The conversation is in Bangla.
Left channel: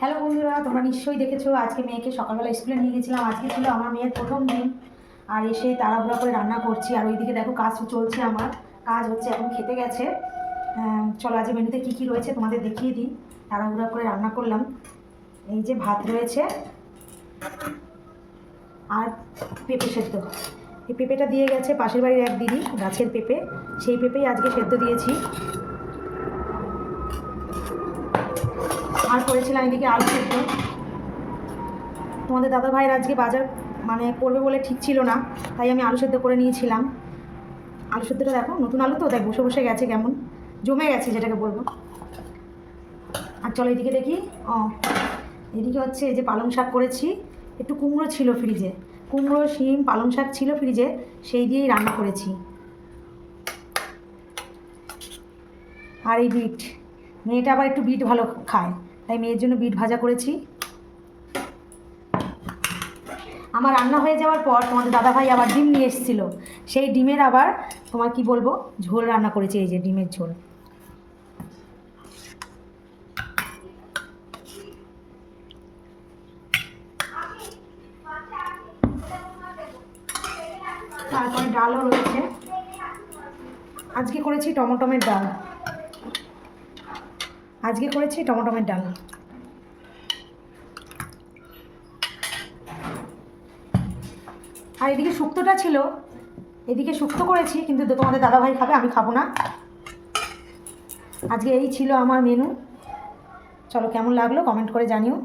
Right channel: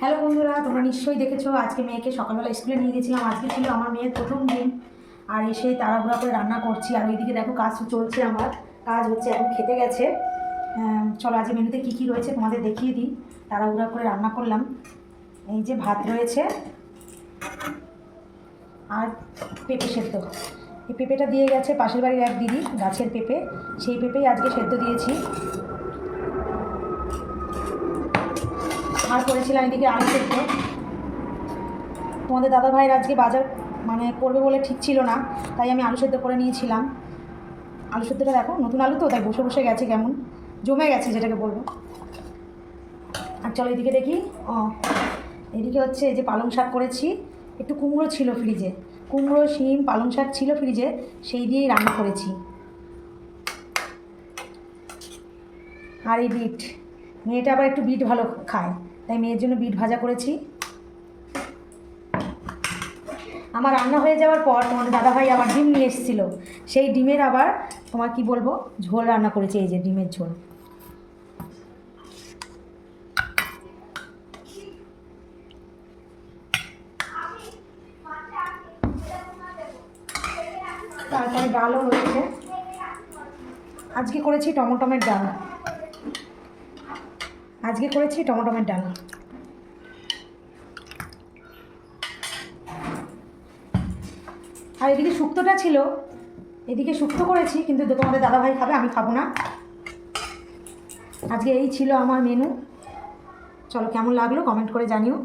হ্যালো বন্ধুরা, তোমরা নিশ্চয়ই দেখেছো আজকে মেয়েকে সকালবেলা স্কুলে নিয়ে গেছিলাম। আজকে ছিল আমার মেয়ের প্রথম দিন। আর এসে তাড়াহুড়া করে রান্না করছি। আর ওইদিকে দেখো কাজ চলছে, আমার কাজ হচ্ছে, এখন খেতে গেছে। চলো আজকে মেনুতে কী কী রয়েছে তোমাদের দেখিয়ে দিই। তাড়াহুড়া করে রান্না করলাম। এই যে ভাত রয়েছে আর পেঁপে সেদ্ধ। এই পেঁপেটা দিয়ে গেছে পাশের বাড়ির এক দিদি, গাছের পেঁপে, সেই পেঁপেই আজকে সেদ্ধ দিয়েছি। আর করেছিলাম এদিকে আলু সেদ্ধ। তোমাদের দাদা ভাইয়ের আজকে বাজার করবে বলে ঠিক ছিল না, তাই আমি আলু সেদ্ধ করে নিয়েছিলাম। আলু সেদ্ধটা দেখো, নতুন আলু তো, তাই বসে বসে গেছে, কেমন জমে গেছে যেটাকে বলবো। আর চলো এদিকে দেখি। এদিকে হচ্ছে এই যে পালং শাক করেছি। একটু কুমড়ো ছিল ফ্রিজে, কুমড়ো শিম পালং শাক ছিল ফ্রিজে, সেই দিয়েই রান্না করেছি। আর এই বিট, মেয়েটা আবার একটু বিট ভালো খায়, তাই মেয়ের জন্য বিট ভাজা করেছি। আমার রান্না হয়ে যাওয়ার পর তোমাদের দাদাভাই আবার ডিম নিয়ে এসেছিলো, সেই ডিমের আবার তোমার কি বলবো ঝোল রান্না করেছি। এই যে ডিমের ঝোল। তারপরে ডালও রয়েছে। আজকে করেছি টমেটোমের ডাল, আজকে করেছি টমেটোমের ডাল। আর এদিকে শুক্তোটা ছিল, এদিকে শুক্তো করেছি, কিন্তু তোমাদের দাদাভাই খাবে, আমি খাবো না। আজকে এই ছিল আমার মেনু। চলো কেমন লাগলো কমেন্ট করে জানিও।